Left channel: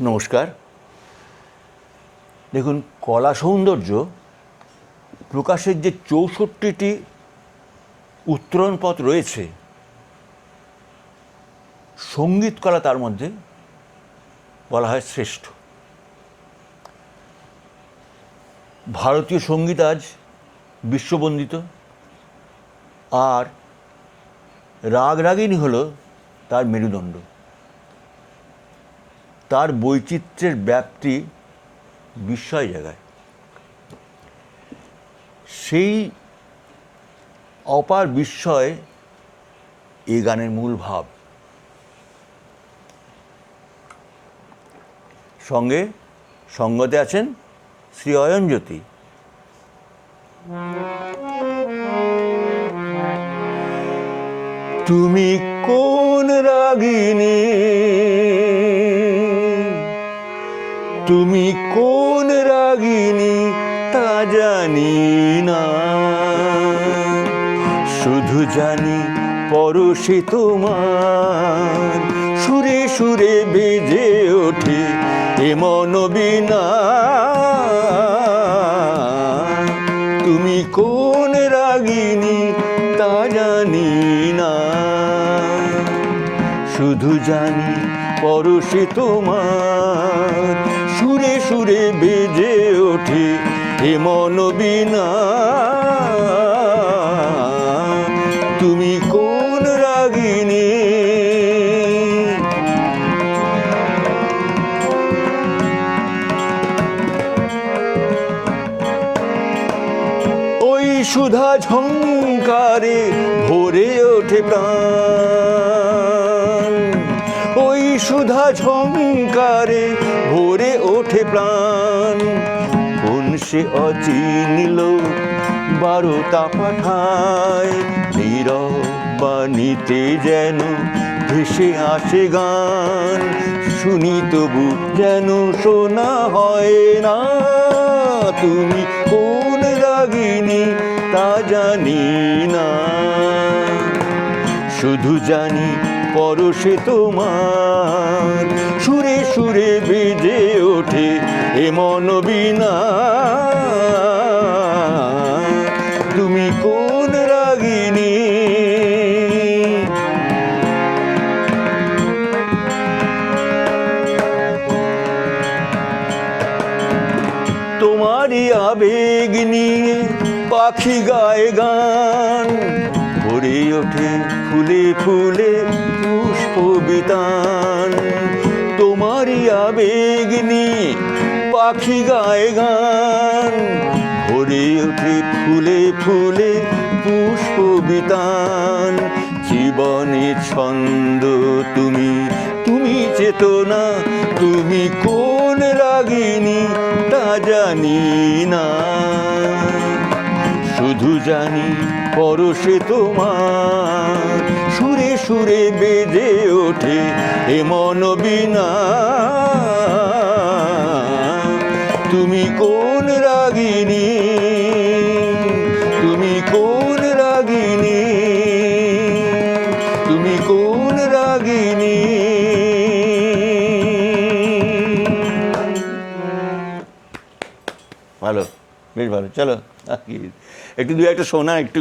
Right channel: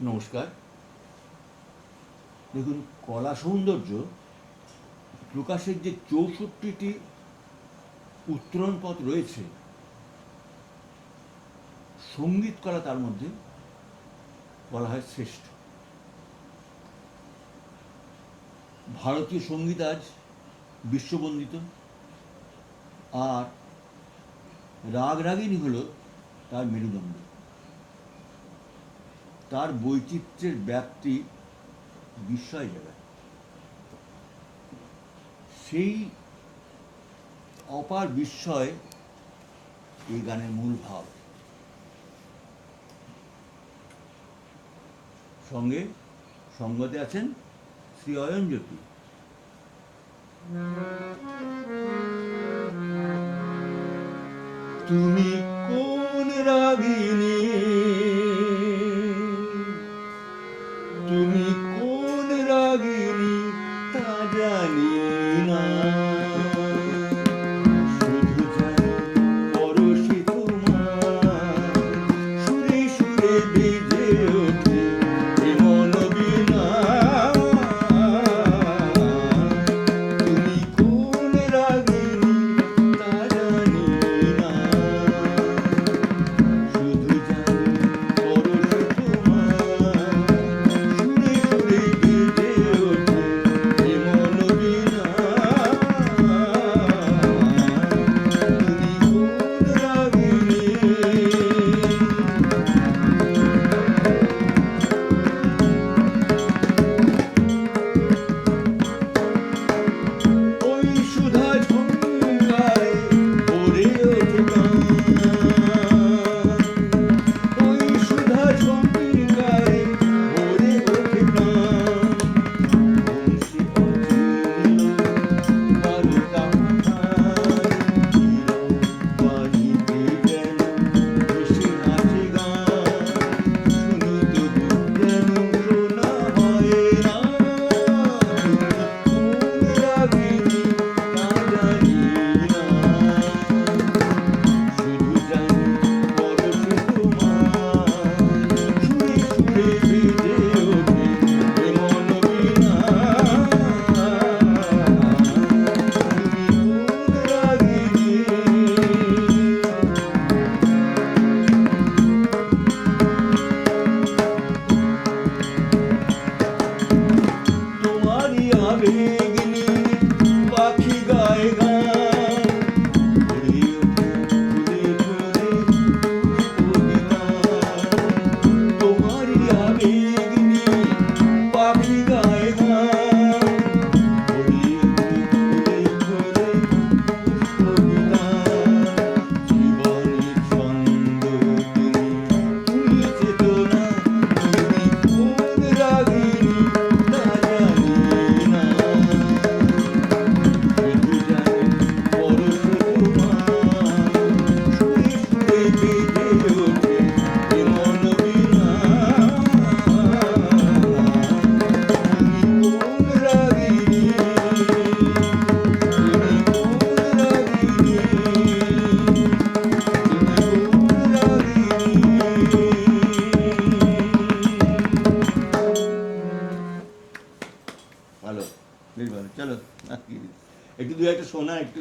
নমস্কার। দেখুন, কলা সৌন্দর্য প্রকাশের যে ৬৪টি উত্তরণ পথ রয়েছে, সঙ্গীত কলা তার মধ্যে বলা হয় শ্রেষ্ঠ। ভারতীয় সঙ্গীত আজ বিশ্ববন্দিত, আর রাগ রাগিনী হল তার মেরুদণ্ড। তার বৈচিত্র্যের ব্যাপ্তি বিস্ময় জাগায়। সেই অপার বিস্ময় এই গানের মূল ভাব। সঙ্গে সঙ্গতে আছেন শ্রী অয়নজ্যোতি। তুমি কোন রাগিনী, তুমি কোন রাগিনী তা জানি না, শুধু জানি পরশে তোমার সুরে সুরে বেজে ওঠে এ মন বীণা। তুমি কোন রাগিনী তা জানি না, শুধু জানি পরশে তোমার সুরে সুরে বেজে ওঠে এ মন বীণা। তুমি কোন রাগিনী? ওই সুধা ঝংকারে ভরে ওঠে প্রাণ, ওই সুধা ঝংকারে ভরে ওঠে প্রাণ। কোন সে অচিনিল বারোটা পাঠায়, নীরব বাণীতে যেন ভেসে আসে গান, শুনি তবু যেন শোনা হয় না। তুমি কোন রাগিনী তা জানি না, শুধু জানি পরশে তোমার সুরে সুরে বেজে ওঠে এ মন বীণা। তুমি কোন রাগিনী? তোমারই আবেগ নিয়ে পাখি গায়ে গান, ভরে ওঠে ফুলে ফুলে পুষ্প বিতান। তোমারই আবেগ নিয়ে পাখি গায়ে গান, ভরে ওঠে ফুলে ফুলে পুষ্প বিতান। জীবনের ছন্দ তুমি, তুমি চেতনা, তুমি কোন রাগিনী তা জানি না, শুধু জানি পরশে তোমার সুরে সুরে বেজে ওঠে এ মন বীণা। তুমি কোন রাগিনী? তুমি কোন রাগিনী? তুমি কোন রাগিনী? ভালো, বেশ ভালো। চলো একটু দু একটা শোনা একটু।